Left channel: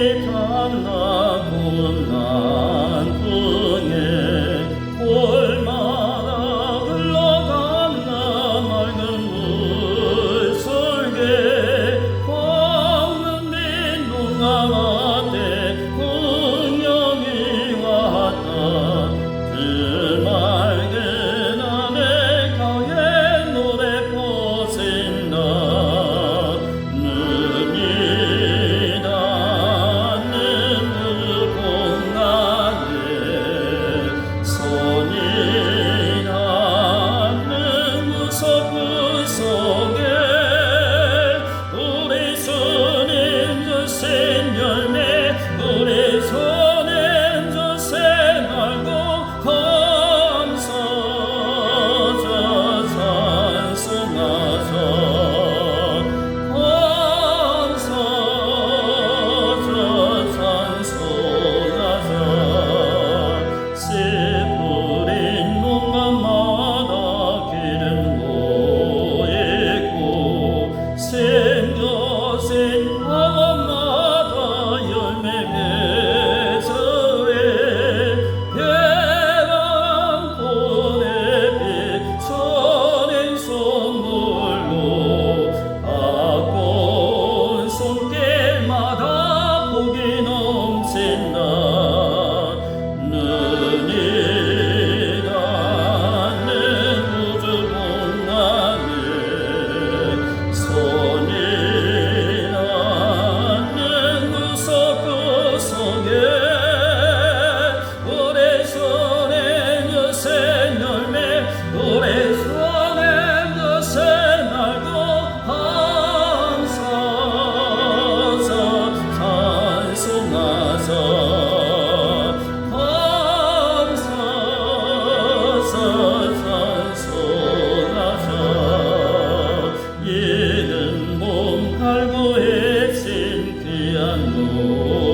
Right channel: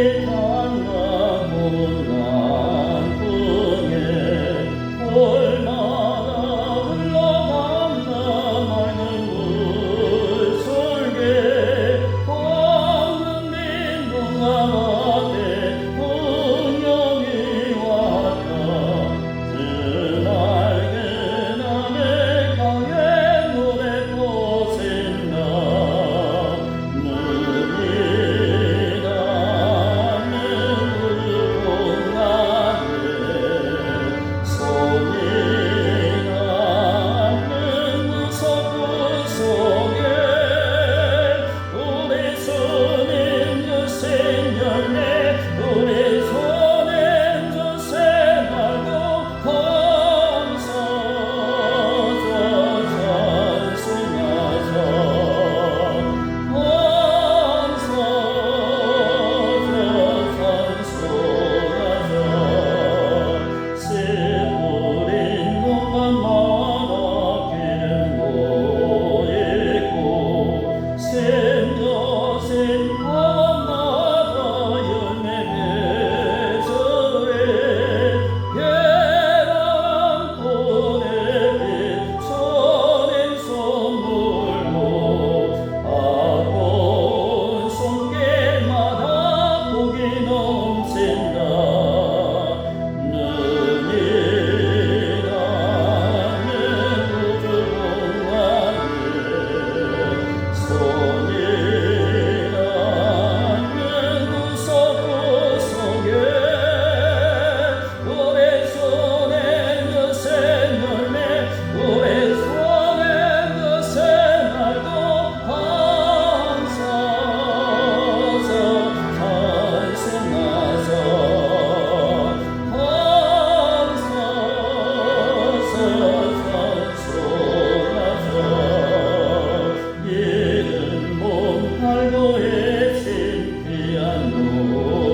내 닮아 몰라. Senhor.